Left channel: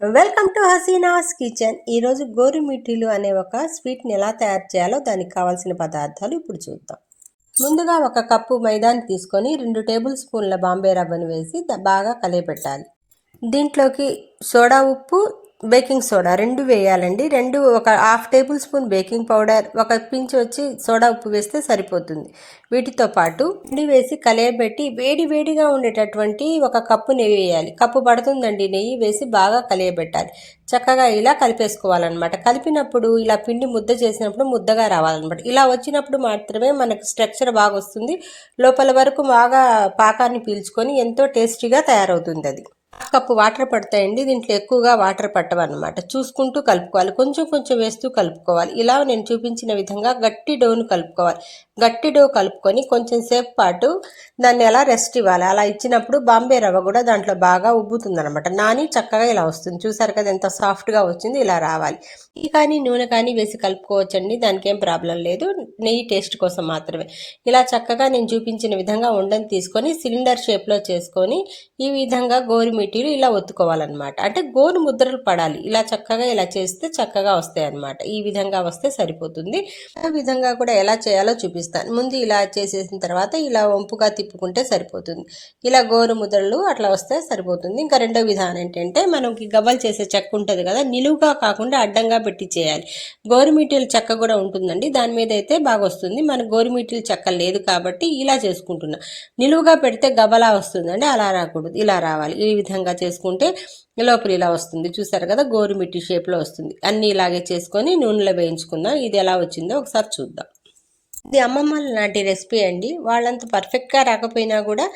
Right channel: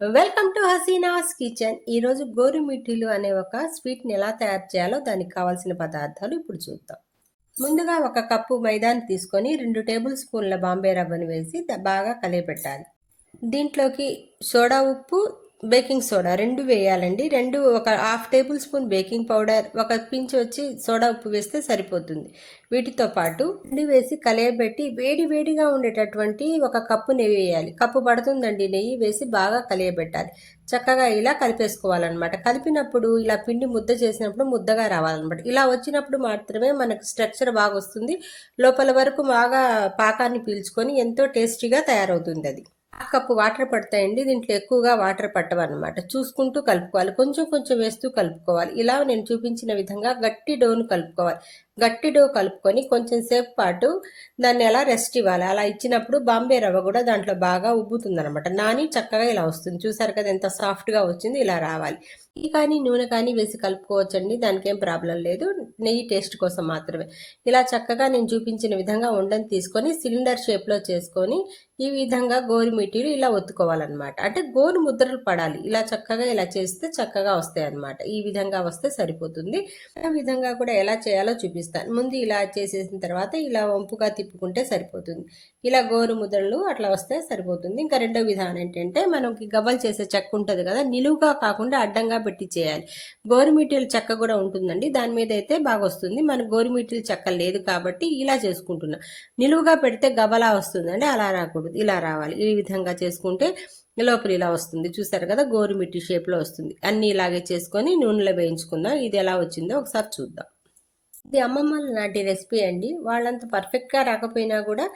Welcome to Hasina's kitchen. ఈరోజు గోరుమిఠీలు అనే ఒక స్వీట్ని ఎలా తయారు చేయాలో దానికి కావాల్సిన పదార్థాలు ఇప్పుడు చూద్దాం. ముందుగా ఒక కప్పు మైదాని తీసుకొని 2 టేబుల్ స్పూన్ల బాంబే రవ్వను వేసి బాగా కలియబెట్టాలి. దీంట్లోకి సోడా ఉప్పు, బేకింగ్ సోడా 2 వేయాలండి. 2 ఒక half table spoon baking powder, ఒక పించ్ వచ్చి సోడా ఉప్పు వేస్తే సరిపోతుంది. వీటితో పాటు నెయ్యి వేసి కలియబెట్టి వేడిగా ఉండేటటువంటి ఒక కప్పు నెయ్యి వేయాలి. కప్పు పడుతుందండి నెయ్యి వేసి బాగా కలియబెట్టాలి. చక్కగా ఇలా కలిపేసుకోవాలన్నమాట. కలిపినప్పుడు ఇలా పిండి ముద్ద చేసినప్పుడు ముద్దగా రావాలన్నమాట. ఇలా వచ్చినప్పుడు మాత్రమే మనకు స్ట్రక్చర్ బాగా వస్తుంది. లోపల వరకు బాగా పాకాన్ని పీల్చుకొని ఎంతో టేస్టీగా తయారవుతుంది. అది కప్పు వాటర్ పడతాయండి. దీంట్లో ఎక్కువగా వాటర్ పట్టవన్నమాట. చూసుకుంటూ కలుపుకోవాలి. కొంచెం వేస్తూ కలుపుకోవాలి. ఇలా నేను చూపించిన విధంగా గట్టి డోను కలుపుకోవాలి. గట్టి డో కలుపుకొని కొంచెం సేపు పాటు దాన్ని ఎలా రెస్ట్ ఇవ్వాలి. అలా ఇచ్చినప్పుడు బాంబే రవ్వ కూడా దాంట్లో బాగా ఉబ్బుతుంది అనమాట. నాని చక్కగా ఇలా వస్తుంది. చూసారు కదా ఎంత సాఫ్ట్గా వచ్చింది. ఇలా రావాలి. కానీ నూనె కానీ వేసి కలుపుకోవచ్చండి. దానికి ఏం ప్రాబ్లం లేదు. నెయ్యి టేస్ట్ కోసం మాత్రమే. ఇలా చక్కగా నేను చూపించిన విధంగా ఉండని తీసుకొని సిలిండర్ షేప్లో చేసుకొని ఈ విధంగా గోరుమిటీలు ఇలా ఒత్తుకోవాలన్నమాట. అంటే గోరు ముద్రలు పడాలి. ఇలా చక్కగా ఇలా చేస్తే చక్కగా వస్తాయి అన్నమాట. ఈ విధంగా వస్తే సరిపోతుంది. ఆ విధంగా కూడా ఎలా చేయాలో చూపిస్తాను. ముందు ఇలా చేసేసిన తర్వాత ఇలా వంపుగా తిప్పుకుంటే సరిపోతుంది. ఇలా గోరు ముద్రలు అట్లా వస్తే సరిపోతుంది. ఇంకా రెండో విధానం ఏంటంటే మనకి గవ్వలు చేసే చెక్క ఉంటుంది కదా, నిలువుగా కాకుండా అడ్డంగా పెట్టి చేయాలి. గోరుమిటీల చెక్క కూడా ఉంటుందండి. దాని మీద అయితే బాగా వస్తుంది. మన గోరుమిటీల చెక్క లేదు కాబట్టి ఇలా చేసుకుంటున్నా. నిలువుగా పెడితే గవ్వలా వస్తుందండి. అలా రాకూడదు. ఇలా రావాలి. ఈ విధంగా చేసుకుంటే లోపల ఇలా వస్తుంది. చూసారు కదా గోరుమిట్టి షేప్లో వస్తుంది. అన్నీ ఇలాగే చేసుకొని నూనెలో వేయించుకుందాం. ఇది ఎలా వచ్చిందో ఒకసారి చూద్దాం. ఇది అమ్మమ్మల నాటి రెసిపీ అండి. వాళ్ళంత పర్ఫెక్ట్గా రాకపోయినా కూడా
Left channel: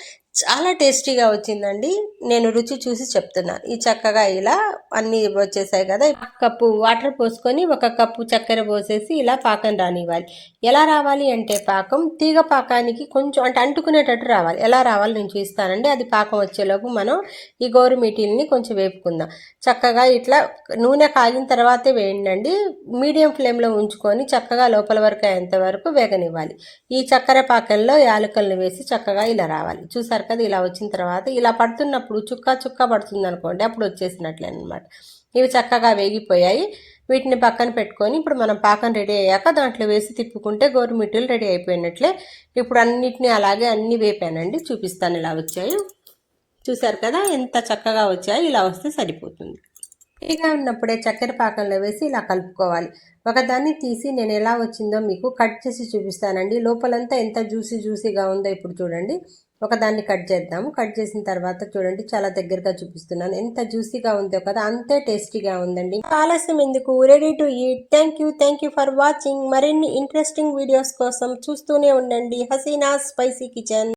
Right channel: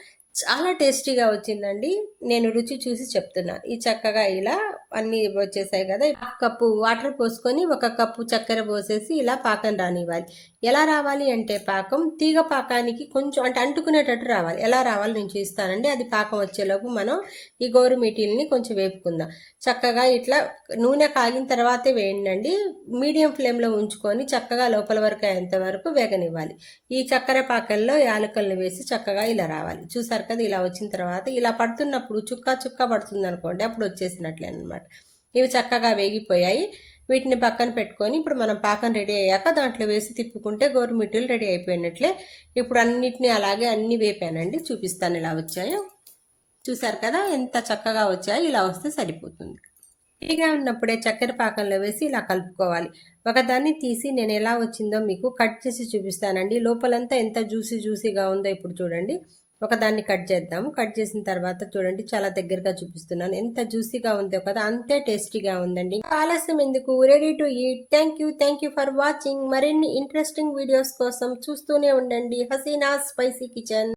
చాలా టేస్టీగా వచ్చిందండి. నేను రుచి చూసి చెప్తున్నాను. ఈ చక్కగా ఇలా అన్నీ వచ్చేసాయి కదా. కప్పు వాటర్ పోసుకొని ఒక కప్పు చక్కెర పోసేసి ఇలా పాకం రానివ్వాలి. ఎలా రావాలి అంటే పాకం తీగ పాకానికి కొంచెం అంటే అంటుకునేటట్టు రావాలి. ఎలా రావాలి నేను చూస్తానండి. అది పాకం వచ్చేలోపు మనం ఈ గోరుమిటీల్ని కొంచెం వేపుకుందాం. చక్కగా ఇట్లా నూనె కాగిన తర్వాతే వేయండి. మీడియం ఫ్లేమ్లో ఉంచుకొని చక్కగా లోపల వరకు అయ్యేంత వరకు వేగనివ్వాలి. ఈ చక్కెర పాకంలో యాలకులను వేసి చక్కగా ఇలా రావాలి. చూసారు కదా ఇలా వచ్చిన తర్వాత ఇలా పడుతున్నప్పుడు చుక్క పడుతుంది అనుకోండి, అప్పుడు వచ్చేసినట్లే అనమాట. ఇవి చక్కగా వేగిపోయాయి. వీటిని పక్కన పెట్టుకొని ఇప్పుడు మనం పాకం రెడీ అయ్యాక దాంట్లో వేసి తిప్పుకుంటే గోరుమిటీలు రెడీ అయిపోయినట్లే. ఇప్పుడు అన్నిటిని అలాగే అన్ని వేపానండి. చూపిస్తాను ఎలా వచ్చాయో. చూసారు కదా ఎంత చక్కగా వచ్చాయో. ఇలా వస్తే సరిపోతుంది. వేడిగా ఉన్నప్పుడే చక్కెర పాకంలో వేసి ఇలా కలుపుకోవాలి. ఒకదాన్ని తీసి నేను ఎలా వచ్చిందో మీకు కట్ చేసి చూపిస్తానండి. లోపలంతా ఎంత జ్యూసీగా ఉందో ఇప్పుడు చూడండి. ఒకదాన్ని కట్ చేద్దాము. కట్ చేసిన తర్వాత చూడండి చాలా దగ్గరగా చూపిస్తున్నాను. ఎంత జ్యూసీగా ఉందో కదా, అంతే టేస్టీగా ఉందండి. ఆలస్యం ఎందుకు, ready to eat. Thank you for watching. మరిన్ని ఇంట్రెస్టింగ్ వీడియోస్ కోసం చూస్తూనే ఉండండి హసీనా స్పైసీ కిచెన్.